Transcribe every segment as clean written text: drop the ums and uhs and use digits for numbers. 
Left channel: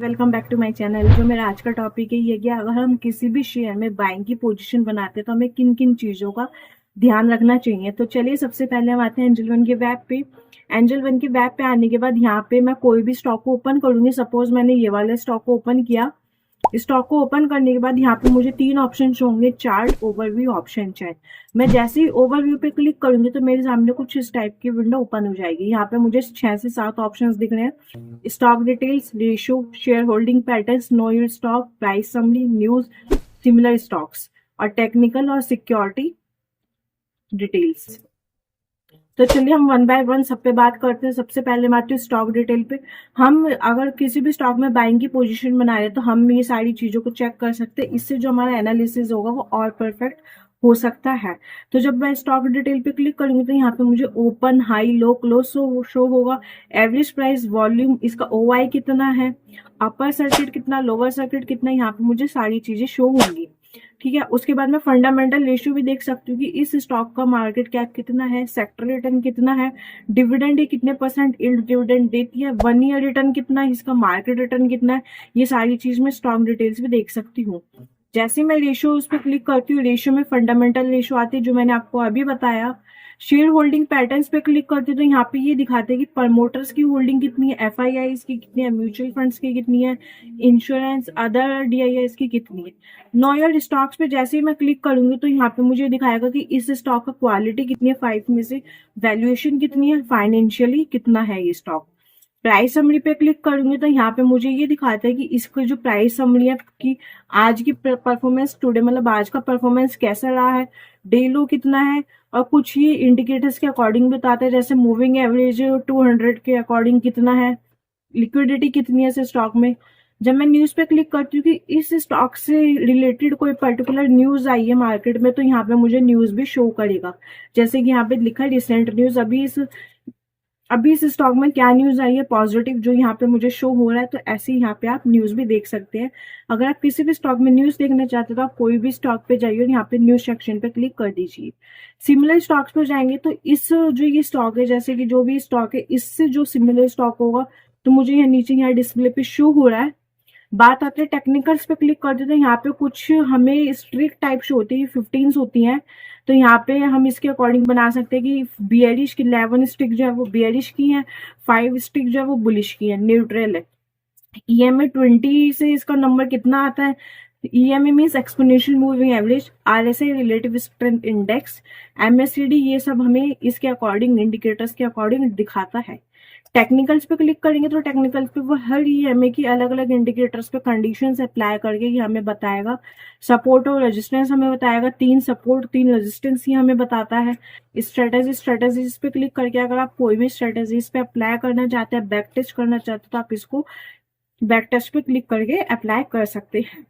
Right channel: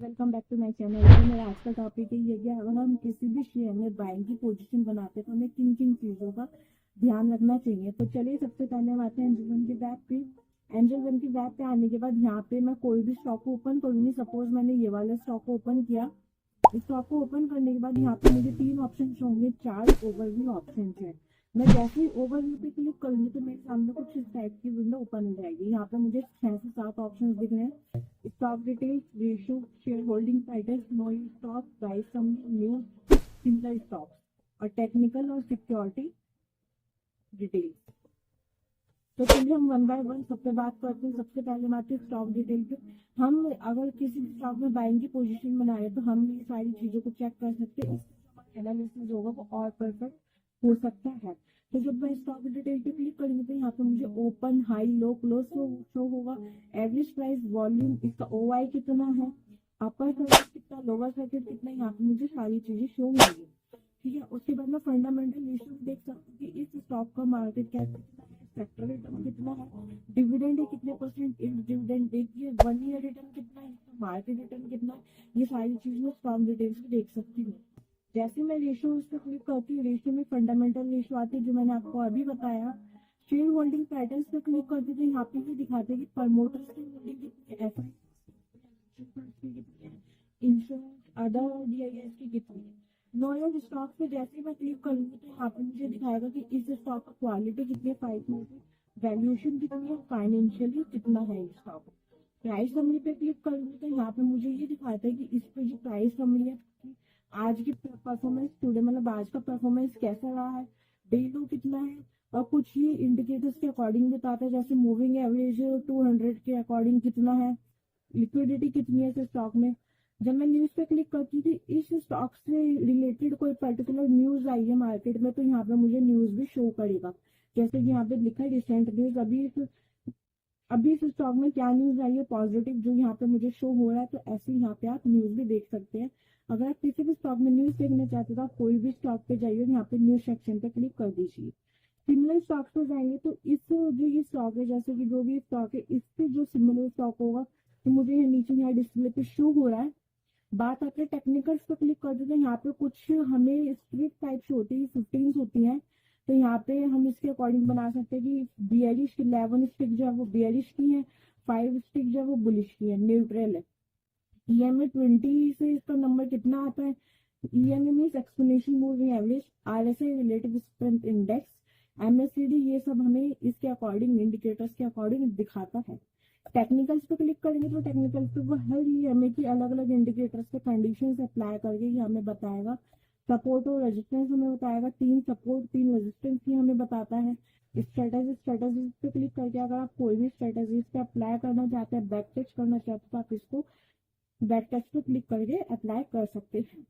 Welcome back to my channel. जो मेरा आज का टॉपिक है ये कि अगर हम किसी भी शेयर में बाइंग की पोजीशन बनाते हैं तो हमें किन किन चीज़ों का ध्यान रखना चाहिए। तो चलिए सबसे पहले हम आते हैं एंजल वन के वेब पे। एंजल वन के वेब पे आने के बाद यहाँ पे मैं कोई भी स्टॉक को ओपन करूंगी। सपोज मैंने ये वाले स्टॉक को ओपन किया। स्टॉक को ओपन करने के बाद यहाँ पे मुझे तीन ऑप्शन होंगे, चार्ट, ओवरव्यू, ऑप्शन चैट। मैं जैसे ही ओवरव्यू पे क्लिक करूंगी तो मेरे सामने कुछ इस टाइप की विंडो ओपन हो जाएगी। यहाँ पे मुझे 6 से 7 ऑप्शंस दिख रहे हैं। Stock details, ratio, share holding patterns, know your stock, price summary, news, similar stocks और टेक्निकल और सिक्योरिटी डिटेल्स। तो चलिए हम वन बाय वन सब पे बात करते हैं। सबसे पहले मैं आती हूँ स्टॉक डिटेल पे। हम अगर किसी भी स्टॉक में बाइंग की पोजीशन बना रहे हैं तो हम ये सारी चीज़ों को चेक कर सकते हैं। इससे जो हमारा एनालिसिस होगा वो और परफेक्ट हो सकता है। तो जब मैं स्टॉक डिटेल पे क्लिक करूंगी तो यहाँ पे मुझे ओपन, हाई, लो, क्लोज शो होगा। एवरेज प्राइस, वॉल्यूम, इसका ओआई कितना है, अपर सर्किट कितना, लोअर सर्किट कितना, यहाँ पे मुझे सारी चीजें शो होंगी। ठीक है। उसके बाद मैं फंडामेंटल रेशियो भी देख सकती हूँ कि इस स्टॉक का मार्केट कैप कितना है, सेक्टर रिटर्न कितना है, डिविडेंड ये कितने परसेंट यील्ड डिविडेंड देती है, 1 ईयर रिटर्न कितना है, इसका मार्केट रिटर्न कितना है। ये सारी चीज मैं स्टॉक डिटेल्स भी देख सकती हूँ। जैसे मैं रेशियो उस पर क्लिक करती हूँ, रेशियो में फंडामेंटल रेशियो आती है जो मैंने आपको अभी बताया। शेयर होल्डिंग पैटर्न्स पे क्लिक करती हूँ तो यहाँ पे ये दिखाते हैं कि प्रमोटर्स की होल्डिंग कितनी है, एफआईआईज की कितनी है, म्यूचुअल फंड्स की कितनी है, इंश्योरेंस, अदर डीआईआईज की कितनी है। नॉयल स्टॉक्स पे जैसे ही मैं क्लिक करूंगी तो यहाँ पे मुझे दिखाएगा कि इस स्टॉक का क्वालिटी कितनी है 5 में से, वैल्यूएशन कितनी है, फाइनेंशियली कितना है ये स्टॉक। प्राइस समरी पे क्लिक करूंगी तो यहाँ पे मुझे ये दिखाता है कि इसकी जो प्राइस समरी है कि आज की परफॉर्मेंस, टुडे मतलब आज का परफॉर्मेंस कैसा रहा है, डे लो कितना है, और कुछ ही इंडिकेटर्स के अकॉर्डिंग बताते हैं। जैसे मूविंग एवरेज 200 के अकॉर्डिंग कितना है, लिक्विडिटी कितनी है इस स्टॉक में। जब मैं न्यूज पे क्लिक करती हूँ कि इस स्टॉक से रिलेटेड कोई पर्टिकुलर न्यूज आई है मार्केट में तो यहाँ पे मुझे न्यूज भी शो करेगा। जैसे कि यहाँ पे लिखा है रिसेंट न्यूज, अभी इस स्टॉक में क्या न्यूज आई है पॉजिटिव जो यहाँ पे मुझे शो हो रहा है। तो ऐसे ही यहाँ पे आप न्यूज भी देख सकते हैं। अगर आप किसी भी स्टॉक में न्यूज देखना चाहते हैं तो आप कोई भी स्टॉक पे जाइए और यहाँ पे न्यूज सेक्शन पे क्लिक कर दीजिए। सिमिलर स्टॉक्स पर जाएंगे तो इस जो ये स्टॉक है, जैसे कि जो भी स्टॉक है इससे जो सिमिलर स्टॉक होगा तो मुझे यहाँ नीचे यहाँ डिस्प्ले पे शो हो रहा है। बात आते हैं टेक्निकल्स पे क्लिक करते तो यहाँ पे कुछ हमें स्ट्रिक टाइप शो होती है, 15 होती हैं। तो यहाँ पे हम इसके अकॉर्डिंग बना सकते हैं कि बियरिश की 11 स्टिक जो है वो बियरिश की है, 5 स्टिक जो है वो बुलिश की है, न्यूट्रल है। ईएमए 20 से इसका नंबर कितना आता है, EMA means exponential moving average, RSI relative strength index, MSCD, ये सब हमें इसके अकॉर्डिंग इंडिकेटर्स के अकॉर्डिंग दिखाता है। टेक्निकल्स पे क्लिक करेंगे तो टेक्निकल्स पे वो हर ईएमए की अलग अलग इंडिकेटर्स पे कंडीशंस अप्लाई करके ये हमें बताएगा। सपोर्ट और रेजिस्टेंस हमें बताएगा, 3 सपोर्ट 3 रेजिस्टेंस ही हमें बताता है। स्ट्रेटेजीज पे क्लिक करके अगर आप कोई भी स्ट्रेटेजीज पे अप्लाई करना चाहते हैं, बैक टेस्ट करना चाहते हैं तो आप इसको बैक टेस्ट पे क्लिक करके अप्लाई कर सकते हैं।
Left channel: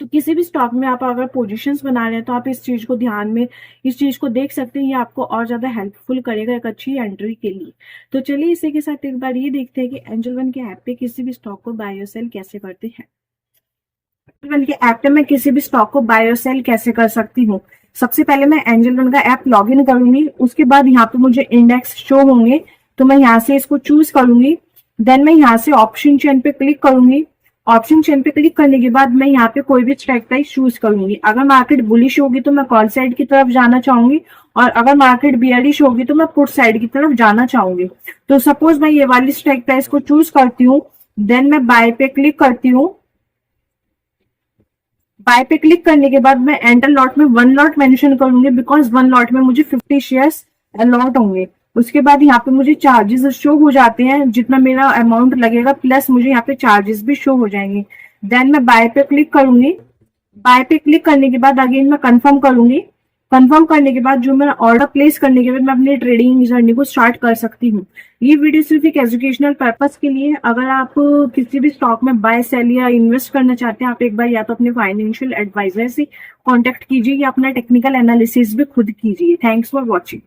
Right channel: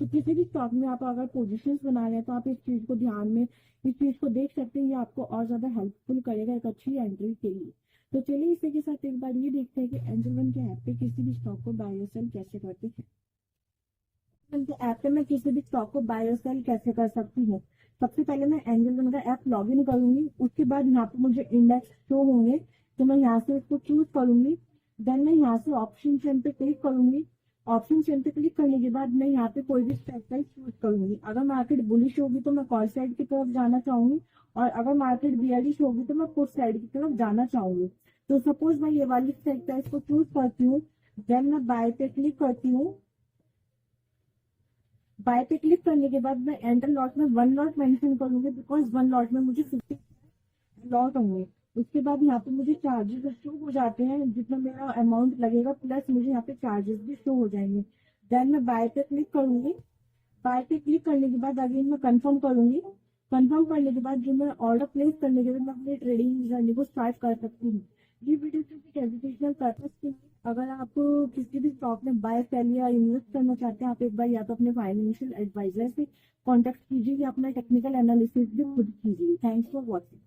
तो किसी भी स्टॉक में आप अगर पोजीशंस बना रहे हैं तो आप इस चीज को ध्यान में, इस चीज को देख सकते हैं। ये आपको और ज्यादा हेल्पफुल करेगा एक अच्छी एंट्री के लिए। तो चलिए इसी के साथ एक बार ये देखते हैं कि एंजल वन के ऐप पे किसी भी स्टॉक को बाय और सेल कैसे करते हैं। एंजल वन के ऐप पे मैं किसी भी स्टॉक को बाय और सेल कैसे कर सकती हूँ। सबसे पहले मैं एंजल वन का ऐप लॉग इन करूंगी। उसके बाद यहाँ पे मुझे इंडेक्स शो होंगे तो मैं यहाँ से इसको चूज करूंगी। देन मैं यहाँ से ऑप्शन चेन पे क्लिक करूंगी। ऑप्शन चेन पे क्लिक करने के बाद मैं यहाँ पे कोई भी स्ट्राइक प्राइस चूज करूंगी। अगर मार्केट बुलिश होगी तो मैं कॉल साइड की तरफ जाना चाहूंगी, और अगर मार्केट बियरिश होगी तो मैं पुट साइड की तरफ जाना चाहूंगी। तो सपोज मैं ये वाली स्ट्राइक प्राइस को चूज करती हूँ। देन मैं बाय पे क्लिक करती हूँ। बाय पे क्लिक करने के बाद मैं एंटर लॉट में 1 लॉट मेंशन करूंगी, बिकॉज 1 लॉट में मुझे 50 शेयर्स अलॉट होंगे। उसके बाद यहाँ पे मुझे चार्जेस शो हो जाते हैं, जितना मेरा अमाउंट लगेगा प्लस मुझे यहाँ पे चार्जेस भी शो हो जाएंगे। देन मैं बाय पे क्लिक करूंगी। बाय पे क्लिक करने के बाद अगेन मैं कंफर्म करूंगी। कंफर्म करने के बाद जो मैं ऑर्डर प्लेस करने के बाद मैं अपनी ट्रेडिंग जर्नी को स्टार्ट कर सकती हूँ। ये वीडियो सिर्फ एक एजुकेशनल पर्पस के लिए है। अगर आप किसी भी स्टॉक में बाय सेल या इन्वेस्ट करना चाहते हैं, आप एक बार या तो अपने फाइनेंशियल एडवाइजर से कांटेक्ट कीजिए या अपना टेक्निकल एनालिसिस भी खुद कीजिए। Thanks for watching.